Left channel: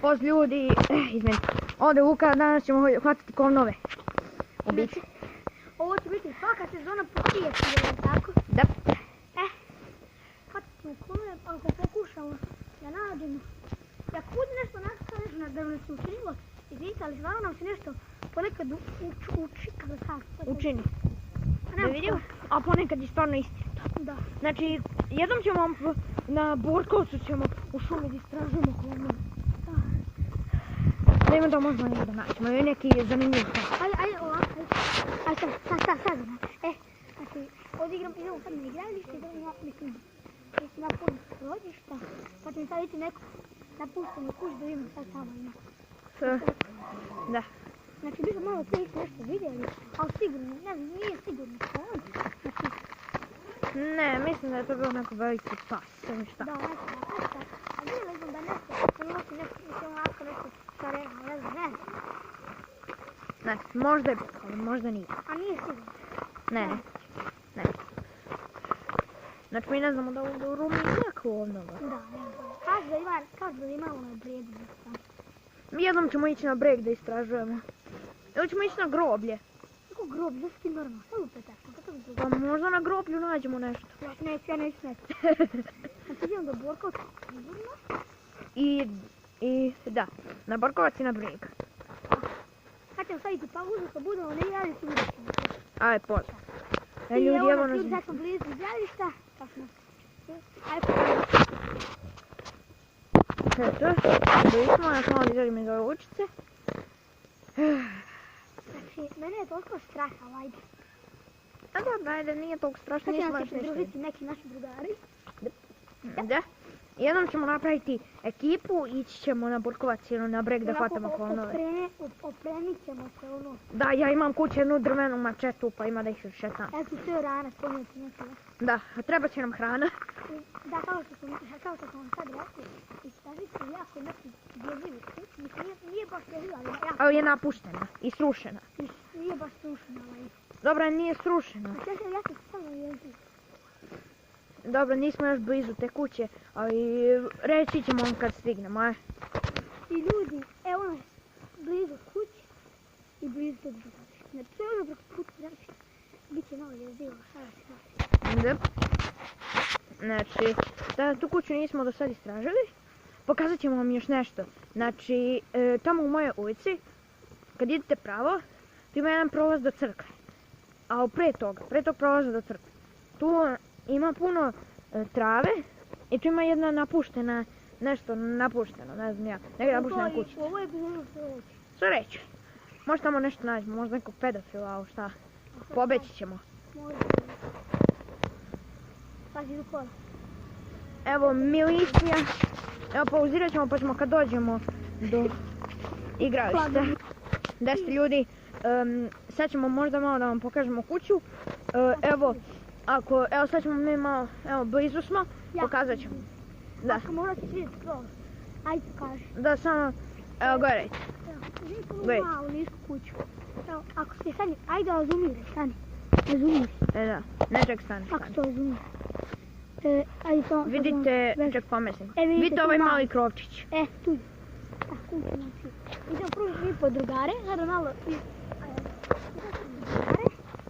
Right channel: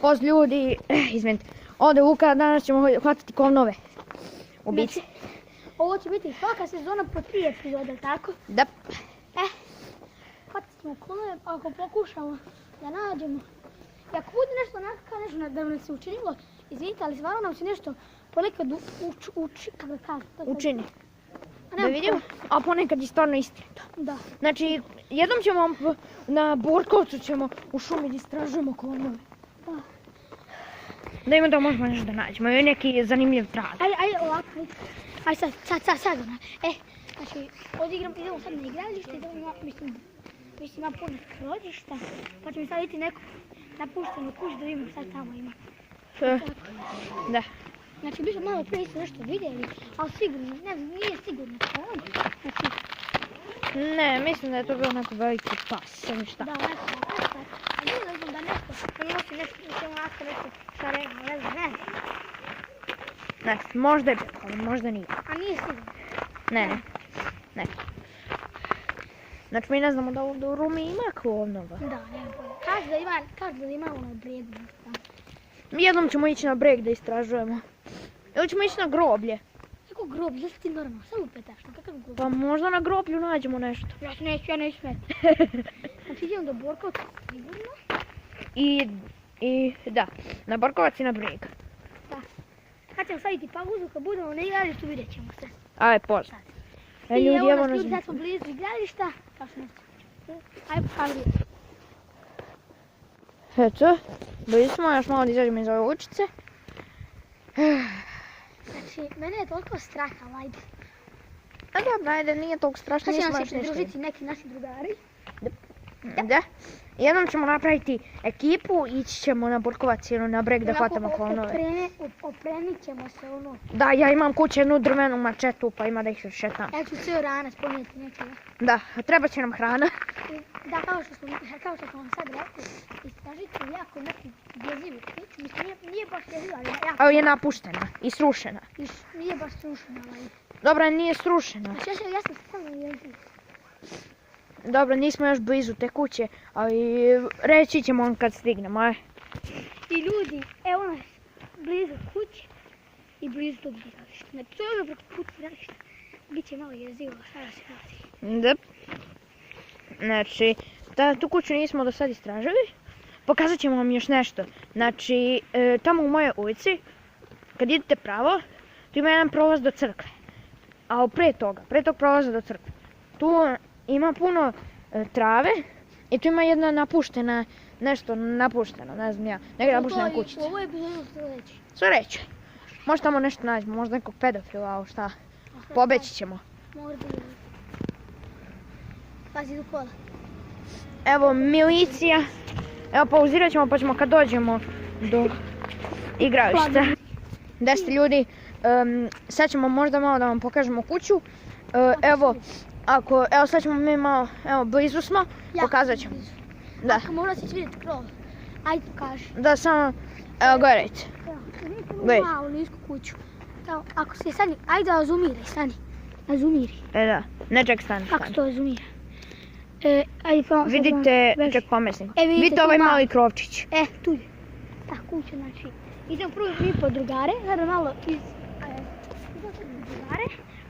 Poz ljudi, izvinite, ovdje Vuka, danas ćemo hvatati klovnove. Ubice. Ovo će biti svaka sezona po 1000 epizoda, tako? Da. Hvatit ćemo klovnove, ako pokušamo da nađemo. I ako bude nešto onako nešto da nam se učinilo, izvinite, ali stvarno nam se nešto ponekad učini. Da vidimo, a ponekad je stvarno istinito. Da. Znači, jednom ćemo na Borkovcu ćemo u šumi da istražujemo klovnove. Da ima da možemo nešto da nađemo, je neki zanimljiv prav. Ajde ovako, ajde sad ona. Znači, ovdje idemo sad na igralište, idemo ima puno krođišta, pa ćemo sad vidjeti neku napuštenu kuću da vidimo šta tamo ima. Da. Znači, mi smo malo prije nešto vidjeli, ali sigurno, ne znam, nije sigurno to on. Znači... Ne, mislim da je to bio onako veliki pas, ništa. Da, nešto. A vidjeli smo da nešto, da ne može nešto, šta rekao, ne znam. Ne, možda je bilo, ali možda nije. A nije sigurno. Ne. Znači, mi ne znamo da ovdje u Rumi ima klovnoga. Da, nema bolje. Kaže da ima ono bregu. Jednom ćemo ići na breg da istražujemo. Ili ćemo ići na groblje. Kako groblje? Da si ti normalno, samo upetaš, na kakav groblje? Pa možda na groblju nađemo nešto. Ja neću smeti. Znači idemo do Borkovca, sigurno. I da, na Borkovac i na breg. Kad ćemo staviti pauzu, kad budemo na igralištu, vidjet ćemo se. Ajde, pozdrav. I evo nas ljudi, sad smo blizu igrališta. Kao smo? Ajde pokažemo. Eto, bili smo, još malo da izađemo iz ove uličice. Znači, mene je toliko strah, ali ajde. A dobro, ajde, nije toliko strašno. Sad će nam se pridružiti neki naši drugari. Da. Jednom ćemo napraviti ekipu, ići ćemo na Borkovac ili na breg da hvatamo klovnove. Opremit ćemo se ono. Da, ja imam kuće jednu drvenu mačetu, pa ima da ih šetam. Ja ću cijel rana spomenuti nečega. Da, treba će nam hrana. Da, kao što smo vam sad rekli, istražite jako neku jezivu kuću. Mislim, nije baš jeziva, ali jako... Ali je napuštena i srušena. Nije baš srušena, ali... Dobra, nije srušena. Znači, ja sam samo jeziva. Dobro, nismo još blizu te kuće, ali reći ćemo vam kad stignemo, aj. I ljudi, evo nas blizu kuće i blizu tog igrališta. Znači, to je ono preko puta igrališta. Biće malo jezivo, šta da se radi. Da. Znači, tu kuću nismo do sad istražili. Pokazat ćemo vam još nešto. Znači, tamo u mojoj ulici, kad idete pravo, tu ima jedan prolaz do crkve. A pre tog prolaza do crkve, tu ima puno trave i tu ima jedna napuštena, nešto napušteno, ne znam ja, neka napuštena kućica. U ovoj epizodu sve reći. Sve reći. Možda tamo nešto nađemo, možda nekog pedofila, ali šta, pobeći ćemo. Pazi do kola. Evo milicija, evo pauzirat ćemo pa ćemo kad dođemo do igrališta. Da ste ljudi, sad ćemo možda malo da vam pokažemo kuću. Evo sad ćemo mi malo, evo blizu smo, pokazat ćemo. Da. Ako možda ćeš vidjeti krov, ajde pokaži. Da, samo, evo gledajte. Vidite malu nisku kuću. Ako se stani, ajde da zoomiraj, stani. Ne zoomiri. Da, ne ček stani. Kako se to zoomira? Vidite, ček pomesnim. Vidite ovaj mali krovčić. Tu je. Ta kuća, znači. Idemo prvo mi po drugare, sada malo drugare,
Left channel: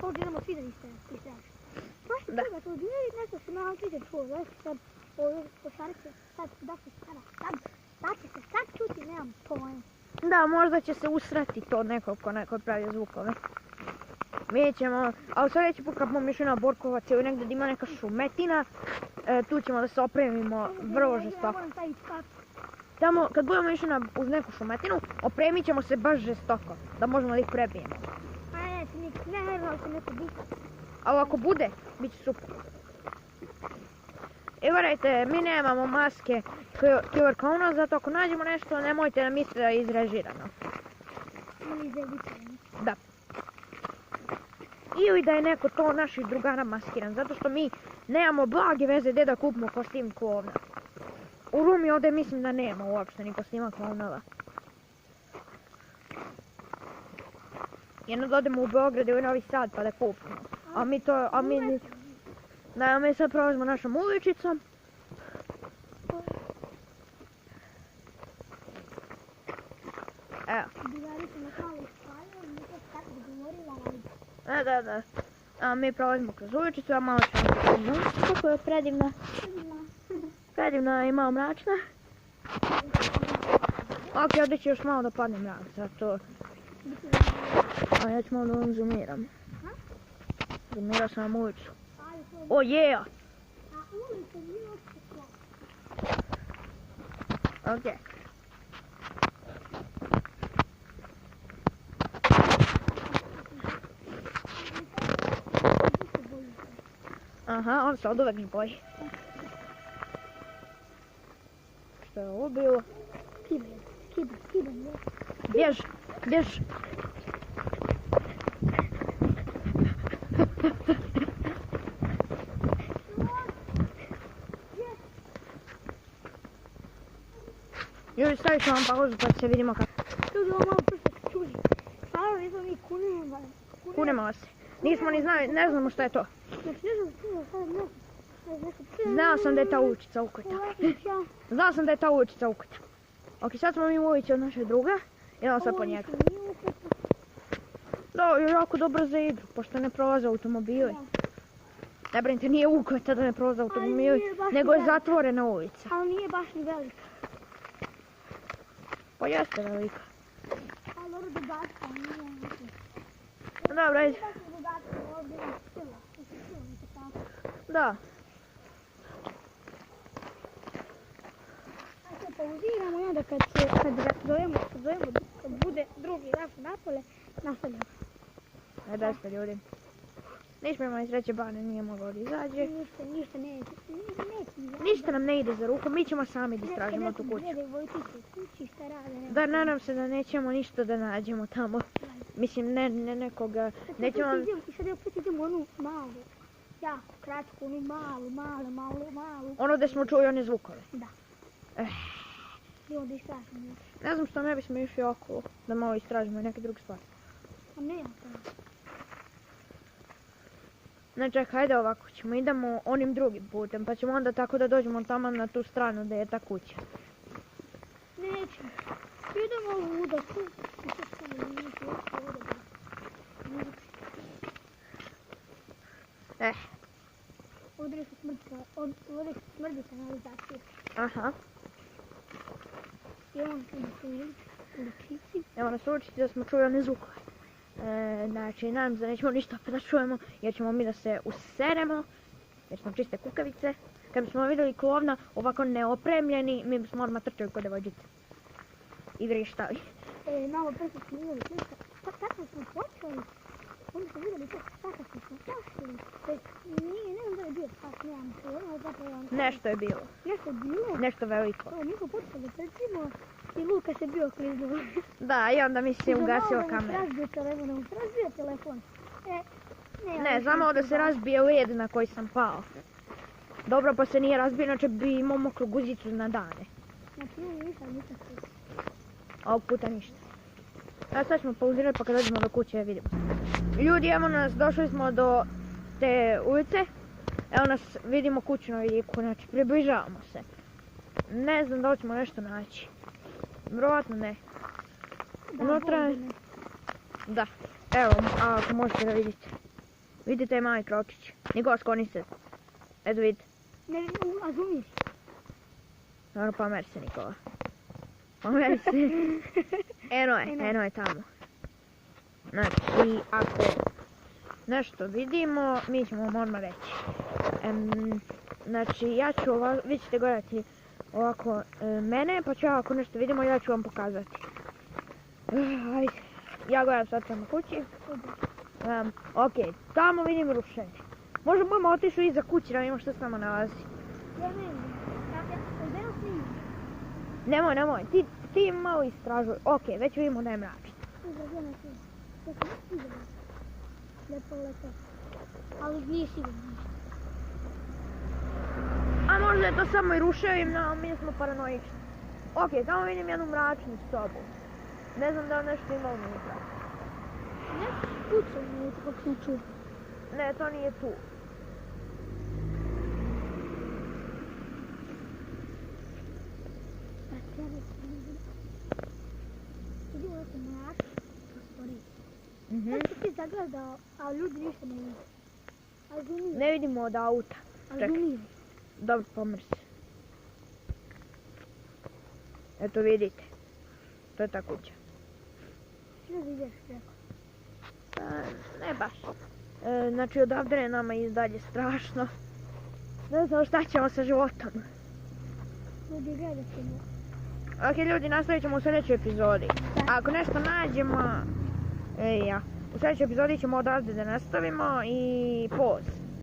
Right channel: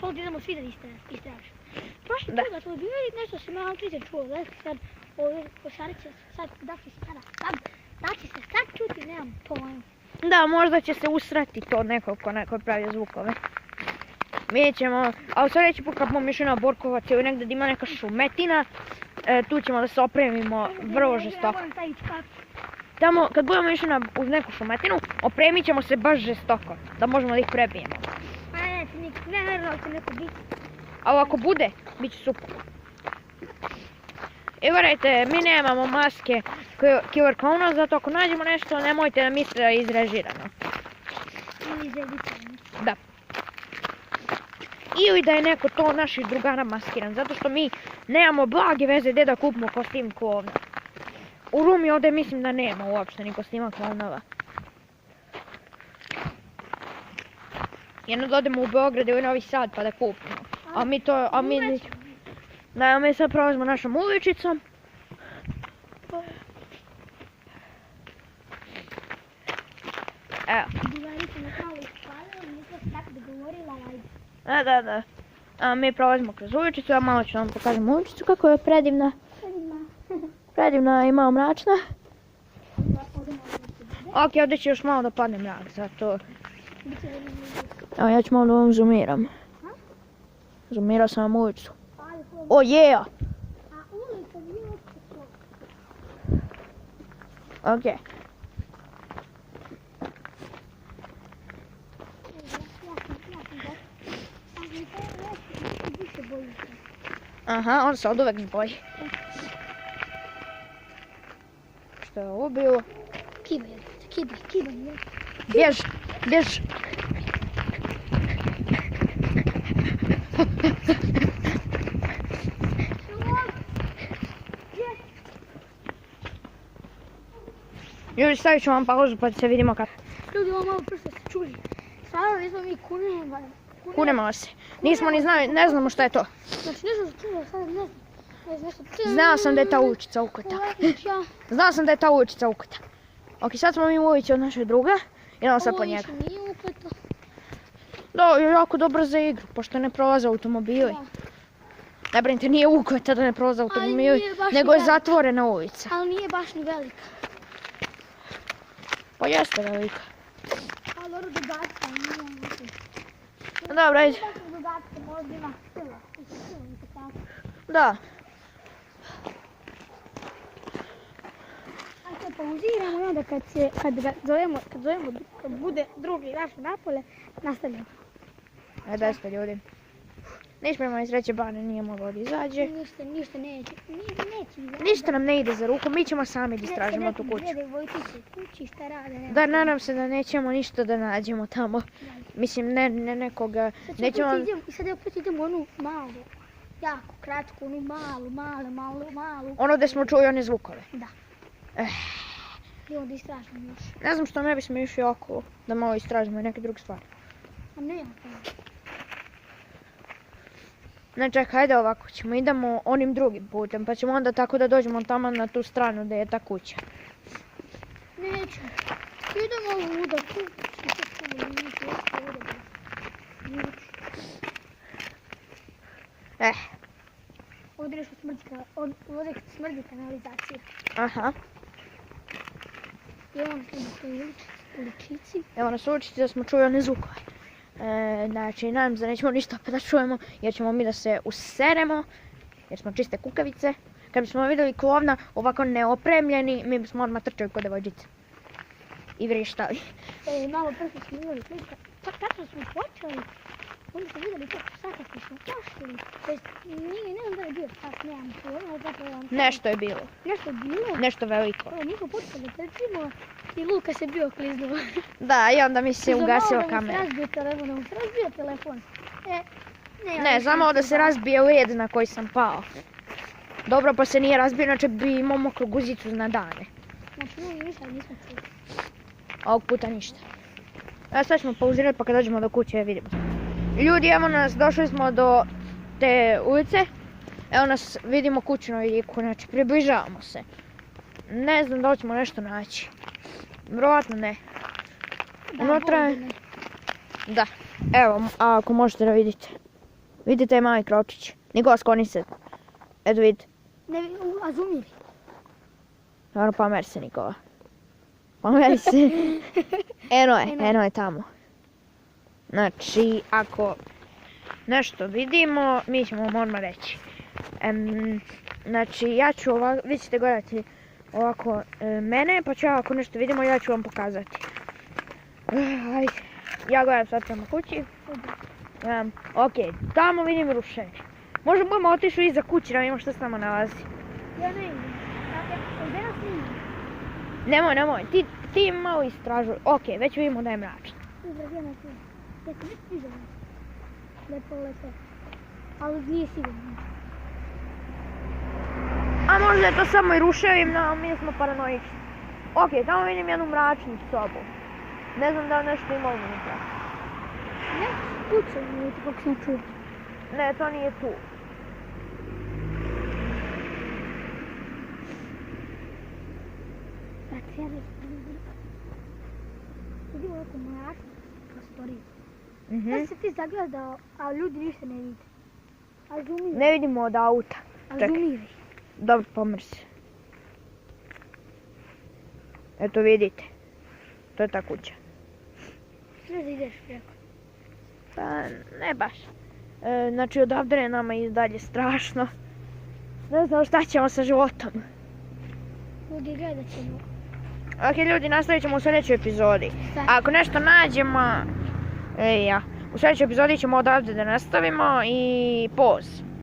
pa ovdje idemo svi da istražimo. Prošli puta smo bili nešto se malo triđe čuo, znači sad ovdje košarić će sad, da će se sad čuti, nemam pojma. Da, možda će se usrati to neko ko neko pravi zvukove. Vidjet ćemo, ali sljedeći put kad budemo išli na Borkovac ili negdje da ima neka šumetina, tu ćemo da se opremimo vrlo žestoko. Tamo, kad budemo išli uz neku šumetinu, opremit ćemo se baš žestoko, da možemo da ih prebijemo. Ne, će neko biti. Ali ako bude, bit će super. I gledajte, mi nemamo maske Killer Clowna, zato ako nađemo nešto, nemojte da mislite da je izrežirano. Da. Ili da je neko to naših drugara maskiran, zato što mi nemamo blage veze gdje da kupimo kostim klovna. U Rumi ovdje mislim da nema uopšte ni kostima klovnova. Jedno da odemo u Beograd ili Novi Sad pa da kupimo. Mi sad prolazimo našom uličicom. sam nas malo ispalila, nisam se tako dogovorila, ajde. Da. A mi prolazimo kroz uličicu, a malo ću vam pokazati uličicu kako je predivna. Predivna i malo mračna. Ok, ovdje će još malo da padne mrak, zato... A ja ću malo da vam zoomiram. Zoomirao sam vam ulicu. O, yeah! A ulica nije uopće to. Ok. Aha, on se od uvek zboji. Što je ovo bilo? Kibaj. Bjež. Ljudi, stavit ću vam pauzu pa se vidimo kako. Ljudi, ovo malo prsto se čuli. Stvarno nismo mi Kunemo se. Nismo ni znali, ne znamo šta je to. Znači nisam se čula, sad ne znam. Znao sam da je ta uličica ukota. Znao sam da je ta uličica ukota. Ok, sad smo mi u ulici od našeg druga. Idemo sad po njega. Ovo više nije ukota. Da, je jako dobro za igru, pošto ne prolaze automobili. Ne brinite, nije ukota da ne prolaze automobili, nego je zatvorena ulica. Ali nije baš ni velika. Pa jeste velika. Ali dobro dodatka, nije velika. Dobro, ajde. Nije baš ni dodatka, možda ima sila. Da. Sad pauziramo i onda kad ga zovemo, kad bude drugi naš napolje, nastavljamo. Ajde, besta ljudi. Nismo iz treće bane, nije moglo da izađe. Ništa neće. Ništa nam ne ide za ruku, mi ćemo sami da istražimo tu kuću. Gledaj Vojtiće kući, šta rade. Da, nadam se da nećemo ništa da nađemo tamo. Mislim, ne nekoga. I sad opet idemo onu malu, jako kratku, onu malu. Ono gdje smo čuli one zvukove. Da. Idemo da istražimo još. Ne znam što ne bismo išli okolo, da malo istražimo i neke druge stvari. A nema toga. Ne, čekaj, hajde ovako ćemo, idemo onim drugim putem, pa ćemo onda tako da dođemo tamo na tu stranu gdje je ta kuća. Neću. Idemo ovuda, tu. Ovdje nešto smrdi kanalizacija. Aha. I ono što na uličici. Evo nas uličici da smo čuli one zvukove. Znači, nadam se da nećemo ništa opet da čujemo, jer ćemo mi da se useremo, jer smo čiste kukavice. Kad bismo vidjeli klovna ovako neopremljeni, mi bismo odmah trčali kod devojčice. I vrištali. Malo prvo smo vidjeli klika. Tako smo počeli. Onda smo vidjeli kako sata smo pošli. Ne znam da je bio sat, nemam pojma. Nešto je bilo. Nešto je bilo? Nešto veliko. Nismo počeli da trčimo i Luka se bio kliznuo. Da, i onda mi se ugasio kamera. Razbio telefon. Ne, znamo da se razbije led na koji sam pao. Dobro, pa se nije razbio, inače bi imao mokru guzicu na dane. Znači, ništa nismo čuli. Ovog puta ništa. Evo sad ćemo pauzirati pa kad dođemo do kuće vidimo. Ljudi, evo nas, došli smo do te ulice. Evo nas, vidimo kuću na vidiku, znači približavamo se. Ne znam da li ćemo nešto naći. Vjerovatno ne. Unutra je... Da, evo, ako možete da vidite. Vidite je mali krovčić. Nikola, skloni se. Eto vidite. Ne vidim, a zoomiri. Naravno, pomeri se Nikola. Pomeri se. Eno je tamo. Znači, ako nešto vidimo, mi ćemo vam odmah reći. Znači, ja ću ovako, vi ćete gledati ovako mene, pa ću ja ako nešto vidimo, ja ću vam pokazati. Ajde, ja gledam sad prema kući. Ok, tamo vidim rušenje. Možda budemo otišli iza kuće da vidimo što se tamo nalazi. Ja ne vidim. Gdje nas Nemoj, ima? ti malo istražuj. Ok, već vidimo da je mračno. Gdje nas ima? Ja sam vidio. Lepo. Ali nije sigurno. A možda je to samo i ruševina, ali mi smo paranoični. Ok, tamo vidim jednu mračnu sobu. Ne znam da li nešto ima unutra. Nešto kuća nije to kako sam čuo. Ne, to nije tu. Dakle, ja da sam vidim. Vidim ovako mrak. Sad se ti zagledao, a ljudi ništa ne vidi. A zoomiraj. Ne vidimo od auta. A Čekaj. zoomiraj. Dobro, pomeri se. Eto vidite. To je ta kuća. Sve da ideš preko. Pa, ne baš. Znači, odavde je nama i dalje strašno. Ne znam šta ćemo sa životom. Ljudi, gledat ćemo. Ok, ljudi, nastavit ćemo u sljedećoj epizodi. Da. Ako nešto nađemo... u sljedećoj epizodi ćemo odavde da nastavimo i poz.